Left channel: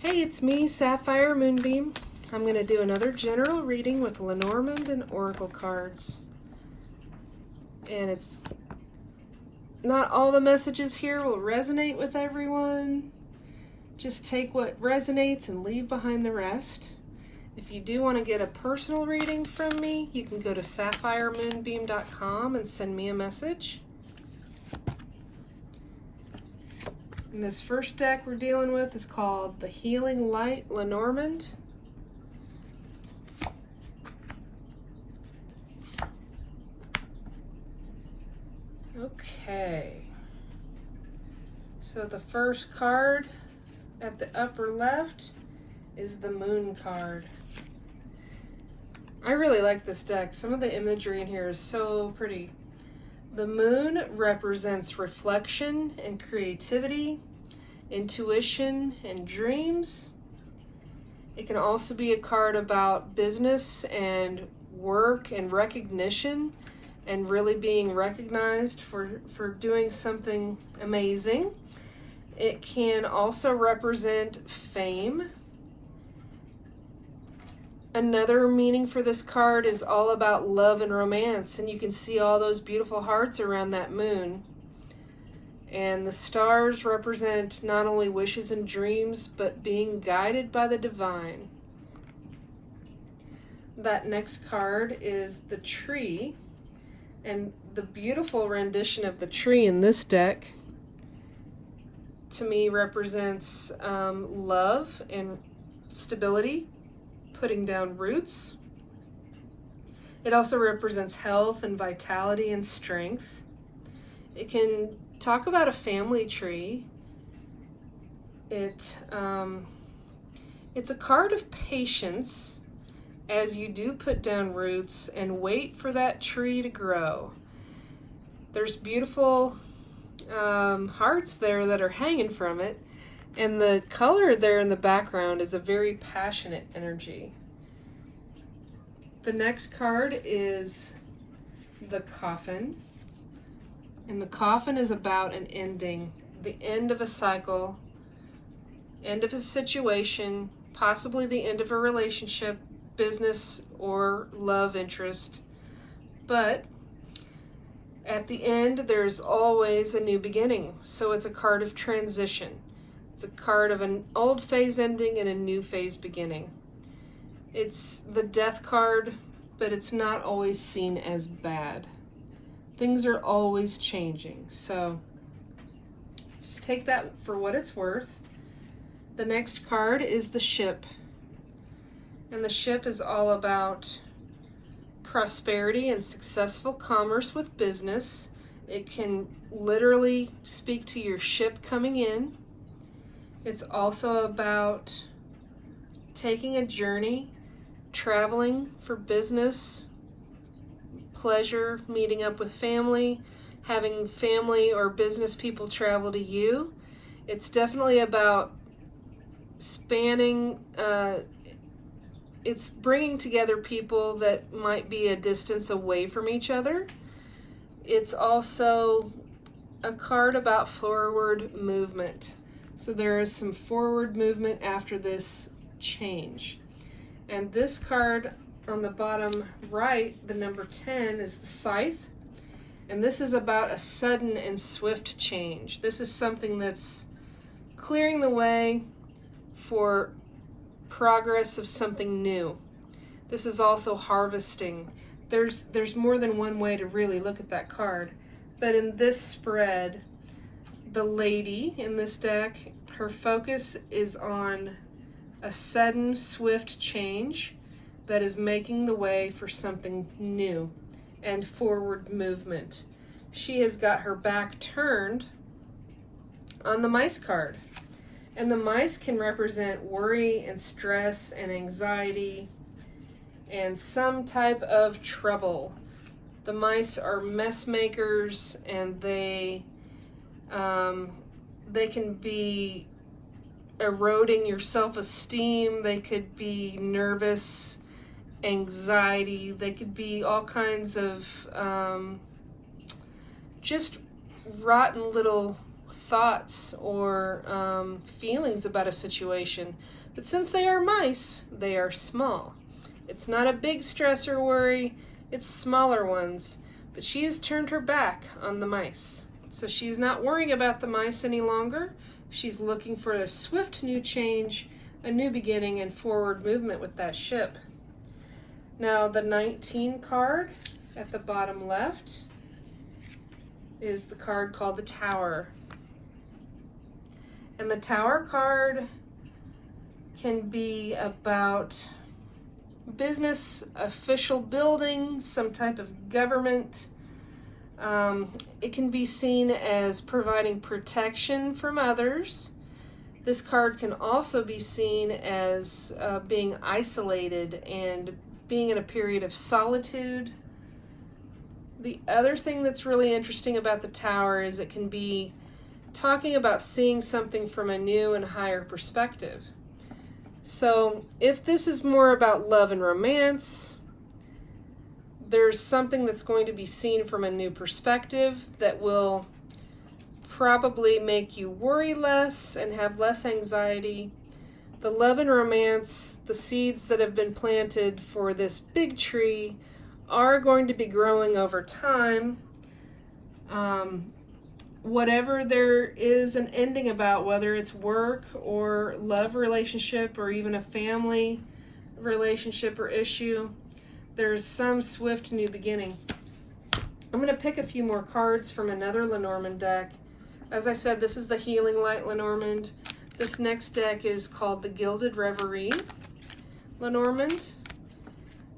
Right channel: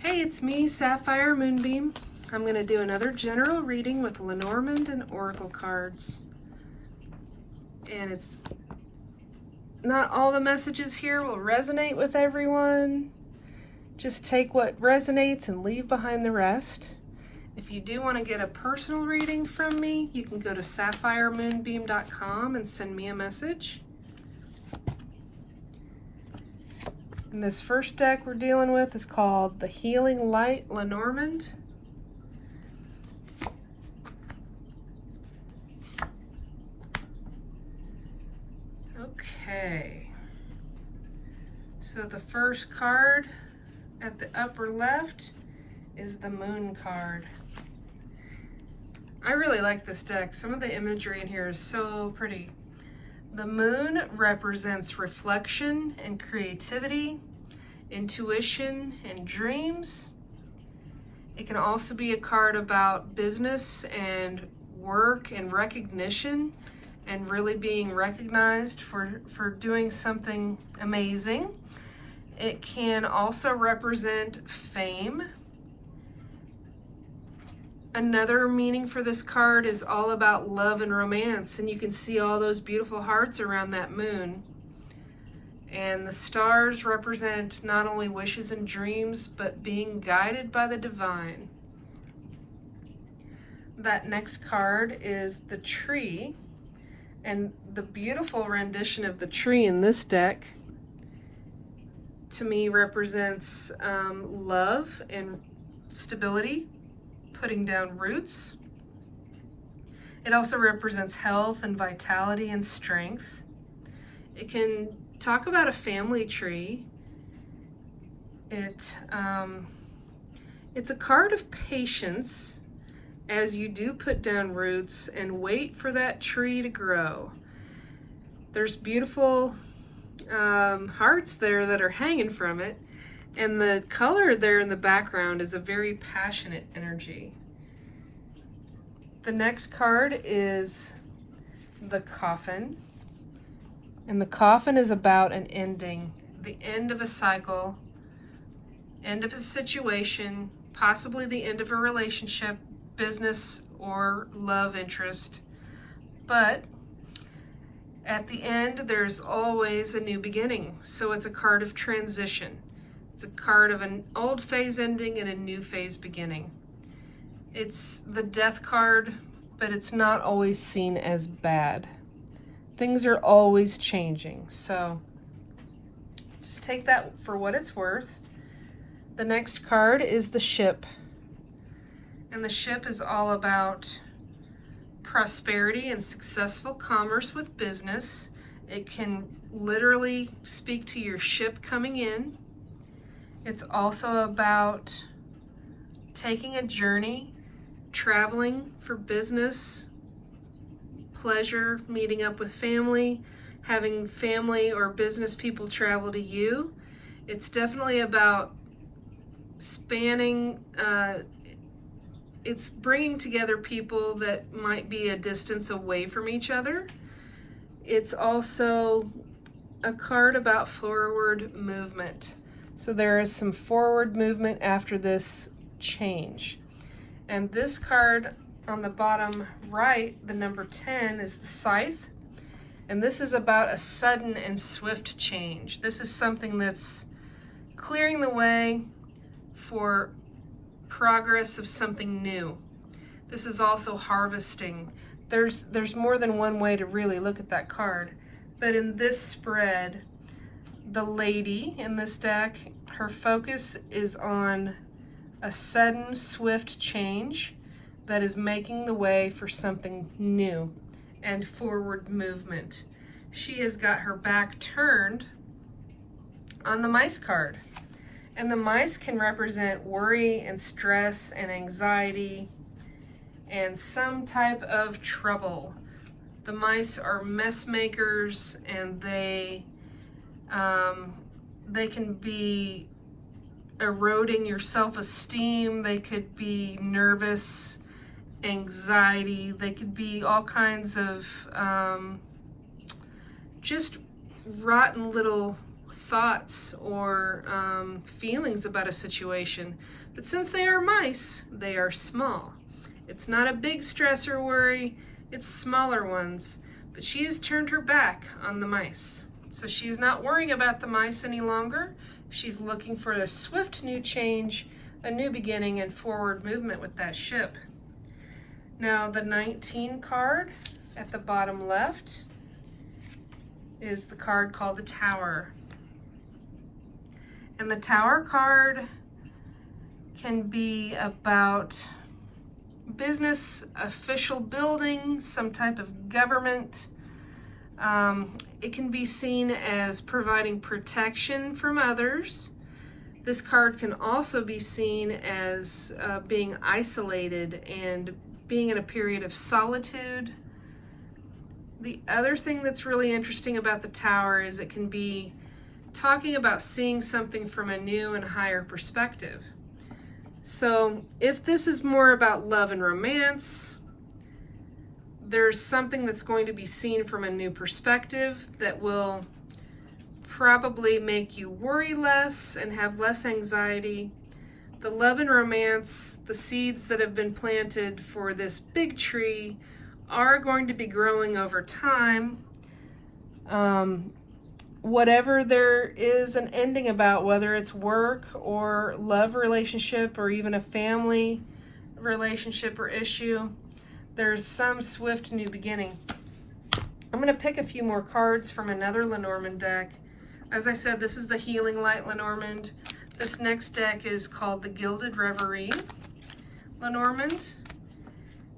Hey, it's me, Sapphire Moonbeam. I'm going to do another general reading with Lenormand and Oracle cards. And it's not all the messages here will resonate with everyone. Just take what resonates and leave behind the rest. If you do want to get a personal reading from me, you can go to sapphiremoonbeam.com and send me a message. And this first deck we're dealing with is called the Healing Light Lenormand. Okay. So the first card at the upper left is the Moon card. I really like this deck. Some of the imagery in here is so pretty. The moon represents reflection and creativity, intuition and dreams. It can also be a card about business and work and recognition and really being recognized for doing something amazing. It can also represent fame. Another meaning for this card is all about love and romance, and you can see all those beautiful hearts around that moon. And the stars represent not only wishes and dreams, but being guided by the divine. That next card is the tree, and the beautiful rendition of the tree in this deck, to me, represents love and stability, putting down roots. It also represents health and vitality and strength. It can talk about a family tree. It's a card of patience as you do put down roots and wait for that tree to grow. There's beautiful hearts there that are hanging from it. And the color there in the background is a very passionate energy. The next card is the coffin. And the coffin is about an ending, the end of a cycle, end of a situation, possibly the end of a relationship, business, or love interest. But at the end, there's always a new beginning. So it's a card of transition. It's a card of an old phase ending and a new phase beginning. It's the death card, but it's not always seen as bad. Things are always changing, so just take that for what it's worth. The next card is the ship, and the ship is all about prosperity and successful commerce with business. It can literally speak to your ship coming in. It's also about taking a journey, traveling for business, pleasure, meeting up with family, having family or business people travel to you. It's definitely about spanning, it's bringing together people that might be a distance away from each other. It's also a card about forward movement. So there is some forward movement after this change. And this card on the bottom right, the number 10, is the scythe. And this is about a sudden and swift change. This is something that's clearing the way for progress of something new. This is also harvesting. There's more than one way to really look at that card. But in this spread, the lady in this deck, her focus is on a sudden, swift change that is making the way for something new and forward movement. She has got her back turned on the mice card. And the mice can represent worry and stress and anxiety and some type of trouble. The mice are mess makers, and they can be eroding your self-esteem. They could be nervous, anxiety. They could be all kinds of just rotten little thoughts or feelings about a situation. But since they are mice, they are small. It's not a big stress or worry, it's smaller ones. But she has turned her back on the mice. So she's not worrying about the mice any longer. She's looking for a swift new change, a new beginning, and forward movement with that ship. Now the 19 card at the bottom left is the card called the Tower. And the Tower card can be about business, official building, some type of government. It can be seen as providing protection from others. This card can also be seen as being isolated and being in a period of solitude. The other thing that's really interesting about the Tower is it can be talking about seeing something from a new and higher perspective. So if this is more about love and romance, there's something that's going to be seen from a new perspective that will probably make you worry less and have less anxiety. The love and romance, the seeds that have been planted for this big tree, are going to be growing over time. Whatever there is an ending about, whether it's work or love relationship or even a family relationship or issue, there's some swift new beginning. I'm going to pick a few more cards from another Lenormand deck. As I said, this is the Healing Light Lenormand. This next deck is called the Gilded Reverie Lenormand.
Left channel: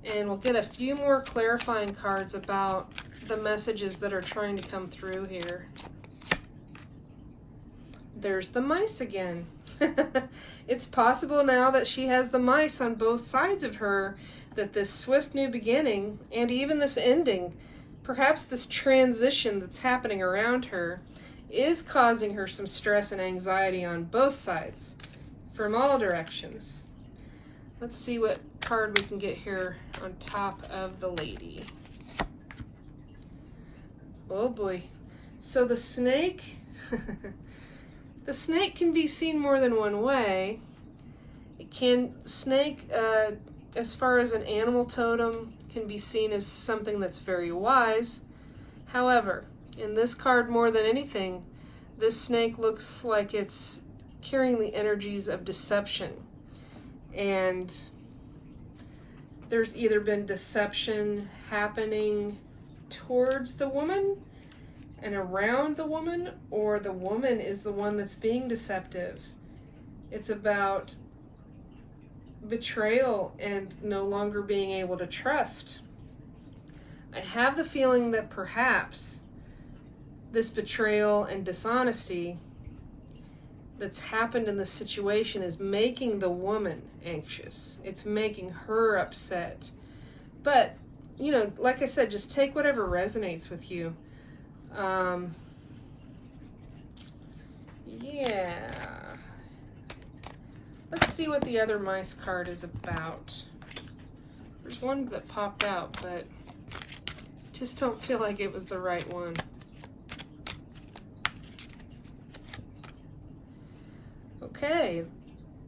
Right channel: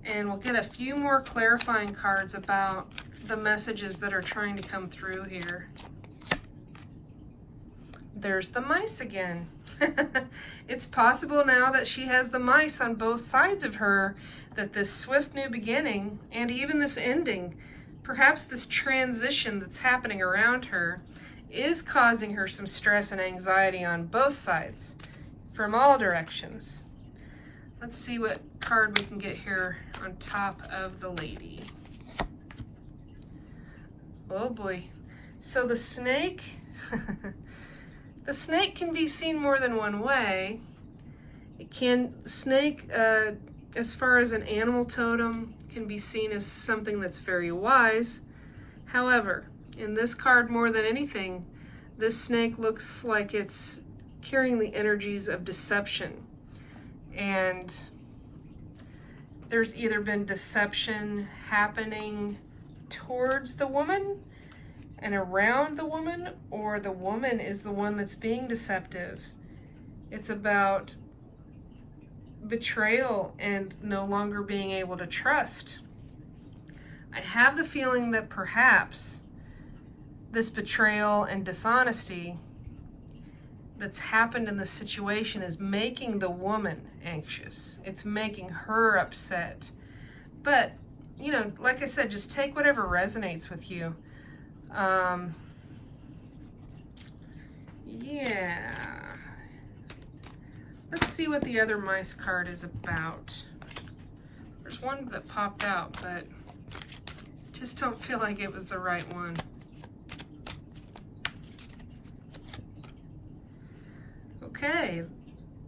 And we'll get a few more clarifying cards about the messages that are trying to come through here. There's the mice again. It's possible now that she has the mice on both sides of her, that this swift new beginning and even this ending, perhaps this transition that's happening around her, is causing her some stress and anxiety on both sides, from all directions. Let's see what card we can get here on top of the lady. Oh boy. So the snake, the snake can be seen more than one way. Snake, as far as an animal totem, can be seen as something that's very wise. However, in this card more than anything, this snake looks like it's carrying the energies of deception. And there's either been deception happening towards the woman and around the woman, or the woman is the one that's being deceptive. It's about betrayal and no longer being able to trust. I have the feeling that perhaps this betrayal and dishonesty that's happened in this situation is making the woman anxious. It's making her upset. But, you know, like I said, just take whatever resonates with you. Yeah. Let's see what the other mice card is about. There's one that popped out, but just don't feel like it was the right one. Okay,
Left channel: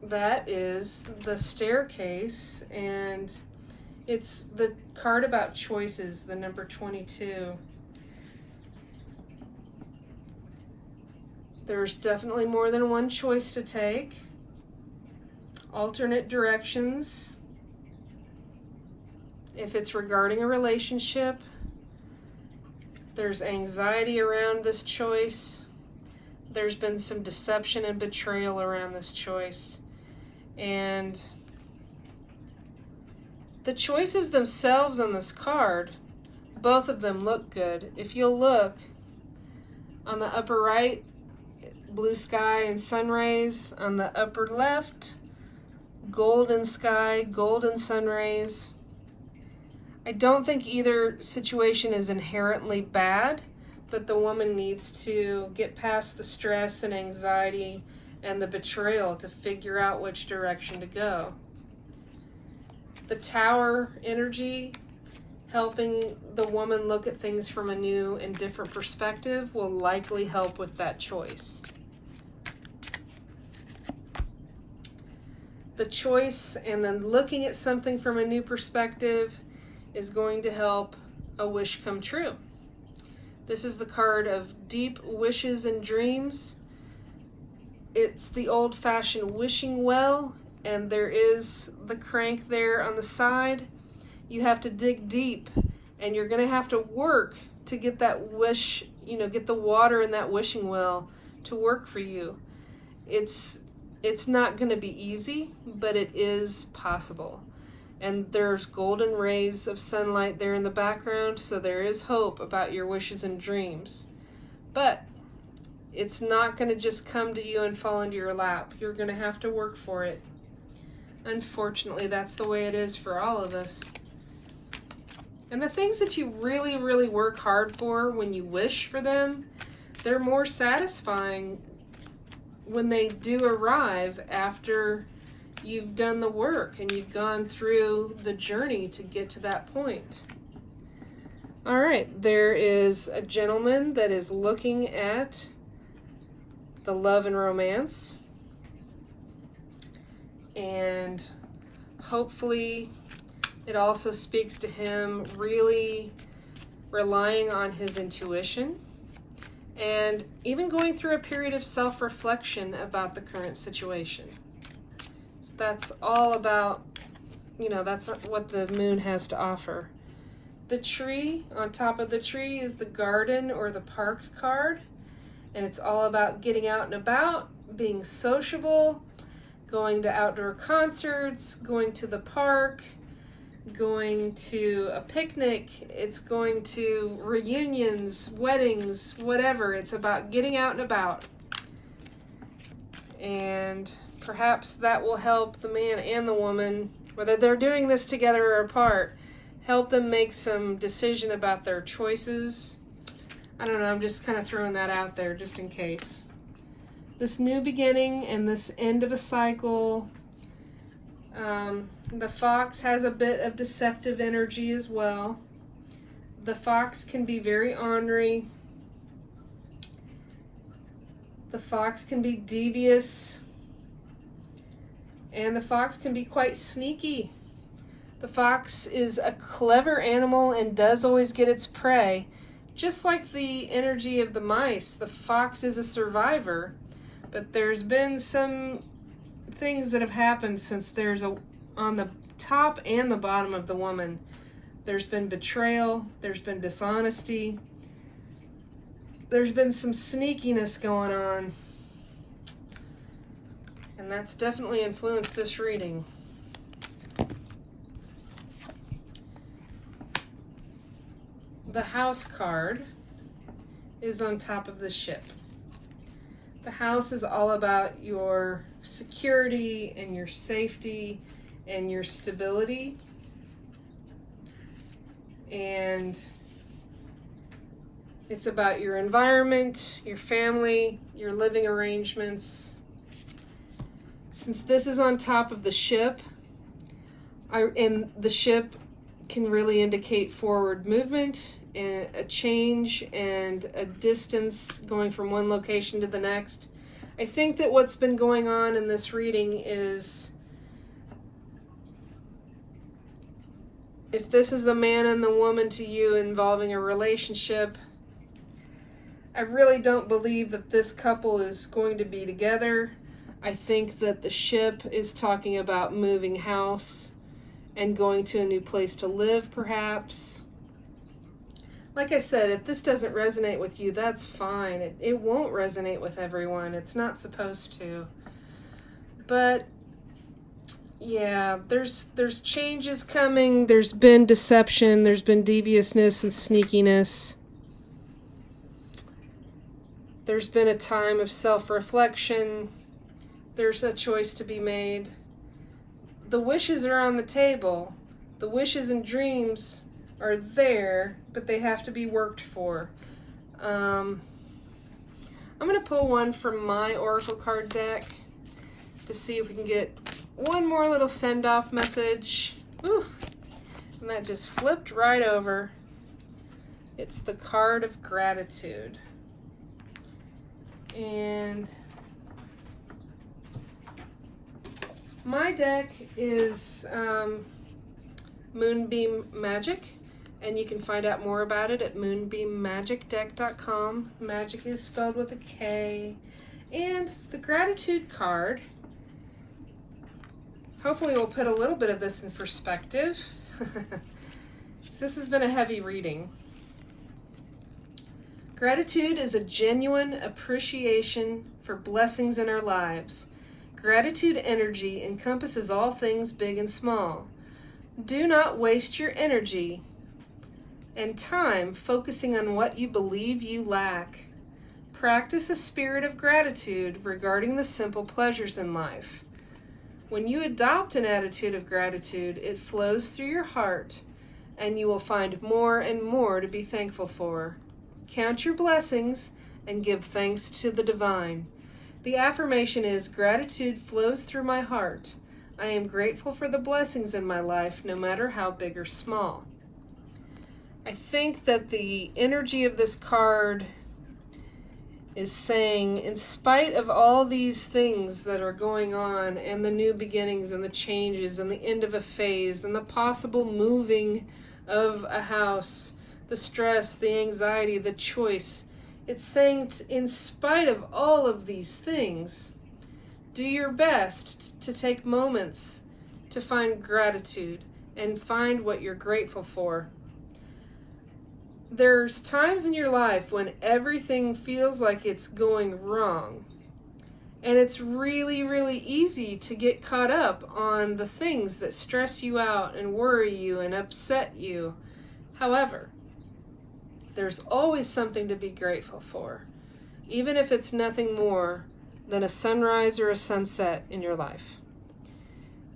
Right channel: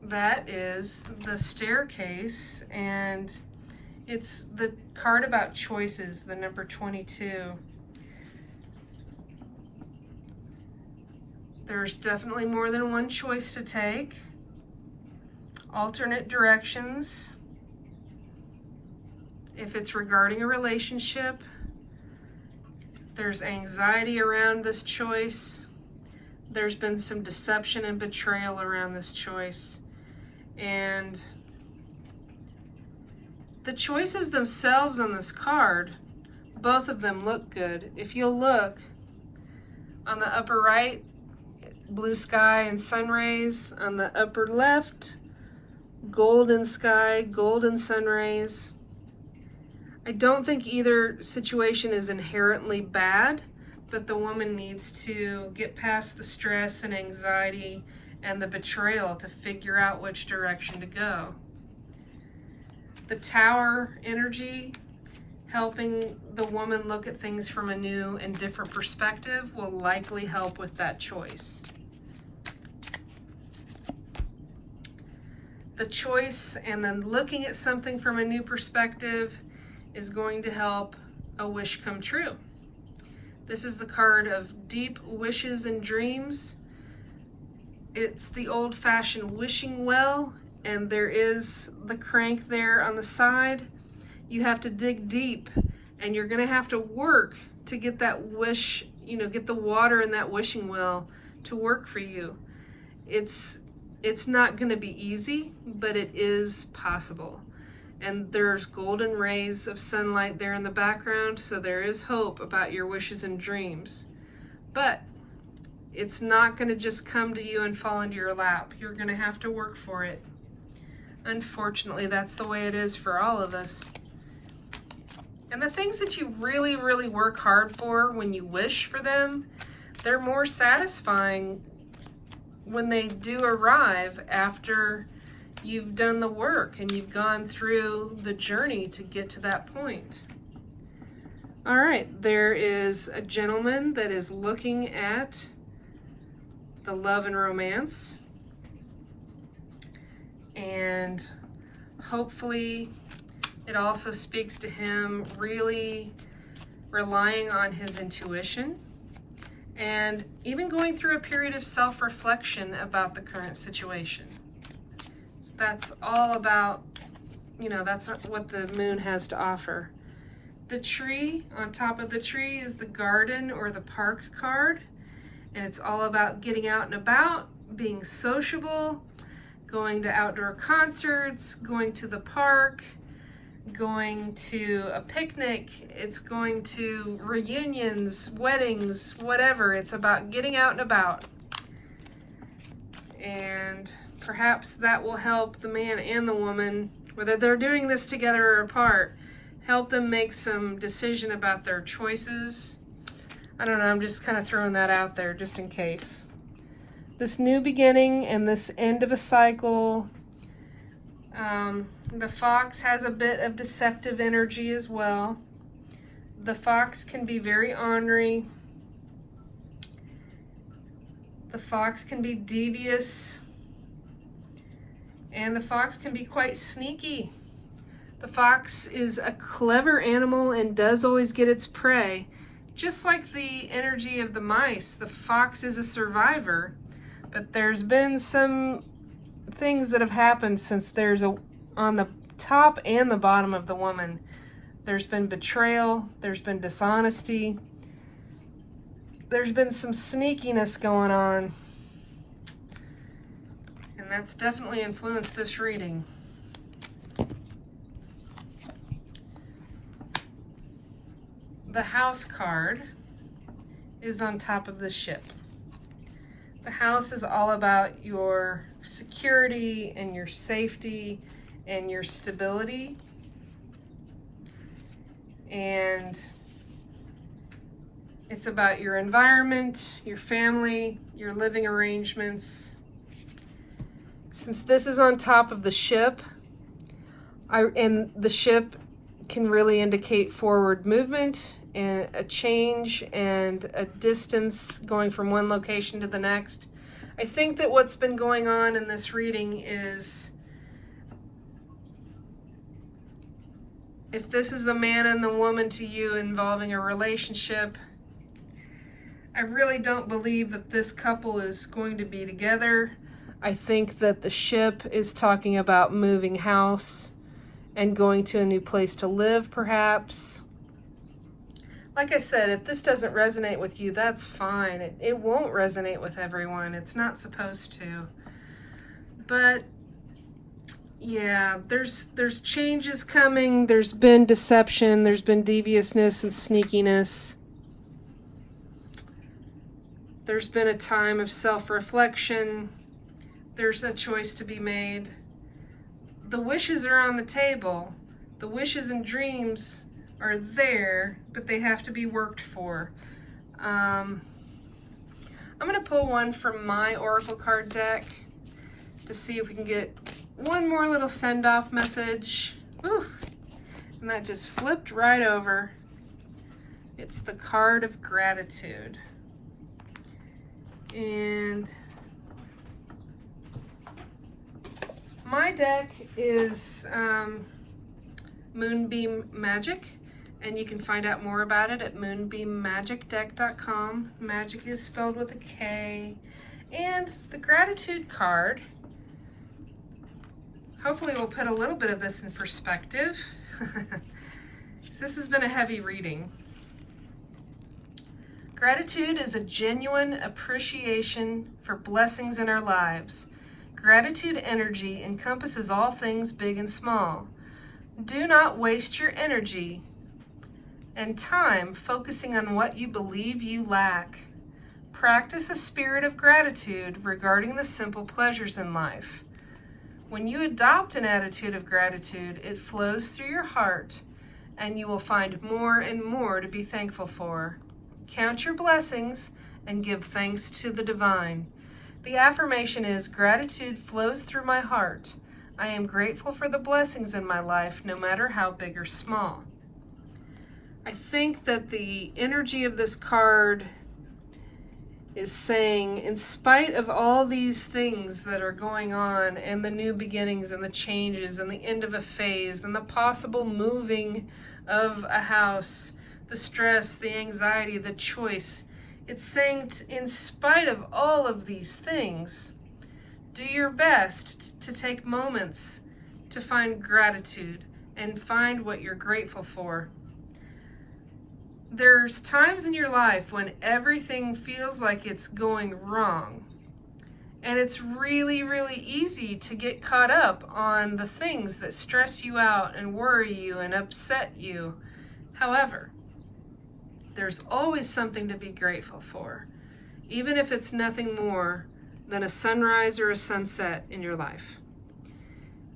that is the Staircase, and it's the card about choices, the number 22. There's definitely more than one choice to take. Alternate directions. If it's regarding a relationship, there's anxiety around this choice. There's been some deception and betrayal around this choice. And the choices themselves on this card, both of them look good. If you'll look on the upper right, blue sky and sun rays. On the upper left, golden sky, golden sun rays. I don't think either situation is inherently bad, but the woman needs to get past the stress and anxiety and the betrayal to figure out which direction to go. The Tower energy helping the woman look at things from a new and different perspective will likely help with that choice. The choice and then looking at something from a new perspective is going to help a wish come true. This is the card of deep wishes and dreams. It's the old-fashioned wishing well, and there is the crank there on the side. You have to dig deep, and you're gonna have to work to get that wish, get the water in that wishing well to work for you. It's not gonna be easy, but it is possible. And there's golden rays of sunlight there in the background, so there is hope about your wishes and dreams. But it's not gonna just come to you and fall into your lap. You're gonna have to work for it. Unfortunately, that's the way it is for all of us. And the things that you really, really work hard for when you wish for them, they're more satisfying when they do arrive after you've done the work and you've gone through the journey to get to that point. All right, there is a gentleman that is looking at the love and romance, and hopefully it also speaks to him really relying on his intuition and even going through a period of self-reflection about the current situation. That's all about, that's what the moon has to offer. The tree, on top of the tree is the garden or the park card, and it's all about getting out and about, being sociable, going to outdoor concerts, going to the park, going to a picnic. It's going to reunions, weddings, whatever. It's about getting out and about. And perhaps that will help the man and the woman, whether they're doing this together or apart, help them make some decision about their choices. I don't know, I'm just kind of throwing that out there just in case. This new beginning and this end of a cycle. The fox has a bit of deceptive energy as well. The fox can be very ornery. The fox can be devious. And the fox can be quite sneaky. The fox is a clever animal and does always get its prey. Just like the energy of the mice, the fox is a survivor. But there's been some things that have happened since on the top and the bottom of the woman. There's been betrayal, there's been dishonesty, there's been some sneakiness going on. And that's definitely influenced this reading. The house card is on top of the ship. The house is all about your security and your safety and your stability. And it's about your environment, your family, your living arrangements. Since this is on top of the ship, and the ship can really indicate forward movement and a change and a distance going from one location to the next. I think that what's been going on in this reading is, if this is the man and the woman to you involving a relationship, I really don't believe that this couple is going to be together. I think that the ship is talking about moving house and going to a new place to live, perhaps. Like I said, if this doesn't resonate with you, that's fine. It won't resonate with everyone. It's not supposed to. But yeah, there's changes coming. There's been deception. There's been deviousness and sneakiness. There's been a time of self-reflection. There's a choice to be made. The wishes are on the table. The wishes and dreams are there, but they have to be worked for. I'm going to pull one from my Oracle card deck to see if we can get one more little send-off message. Ooh. And that just flipped right over. It's the card of gratitude. And my deck is Moonbeam Magick, and you can find out more about it at moonbeammagickdeck.com. Magic is spelled with a K. And the gratitude card, hopefully we'll put a little bit of this in perspective. This has been a heavy reading. Gratitude is a genuine appreciation for blessings in our lives. Gratitude energy encompasses all things big and small. Do not waste your energy and time focusing on what you believe you lack. Practice a spirit of gratitude regarding the simple pleasures in life. When you adopt an attitude of gratitude, it flows through your heart, and you will find more and more to be thankful for. Count your blessings and give thanks to the divine. The affirmation is, gratitude flows through my heart. I am grateful for the blessings in my life, no matter how big or small. I think that the energy of this card is saying, in spite of all these things that are going on, and the new beginnings and the changes and the end of a phase and the possible moving of a house, the stress, the anxiety, the choice, it's saying, in spite of all of these things, do your best to take moments to find gratitude and find what you're grateful for. There's times in your life when everything feels like it's going wrong. And it's really, really easy to get caught up on the things that stress you out and worry you and upset you. However, there's always something to be grateful for, even if it's nothing more than a sunrise or a sunset in your life.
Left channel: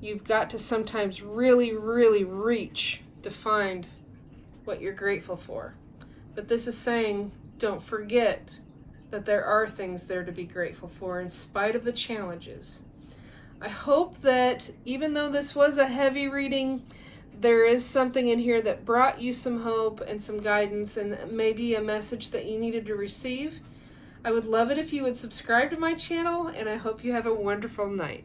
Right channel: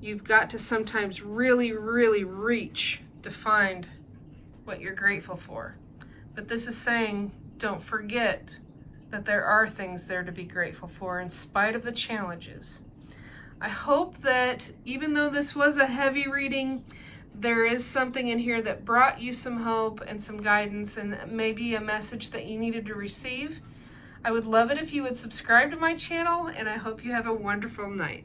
You've got to sometimes really, really reach to find what you're grateful for. But this is saying, don't forget that there are things there to be grateful for in spite of the challenges. I hope that even though this was a heavy reading, there is something in here that brought you some hope and some guidance and maybe a message that you needed to receive. I would love it if you would subscribe to my channel, and I hope you have a wonderful night.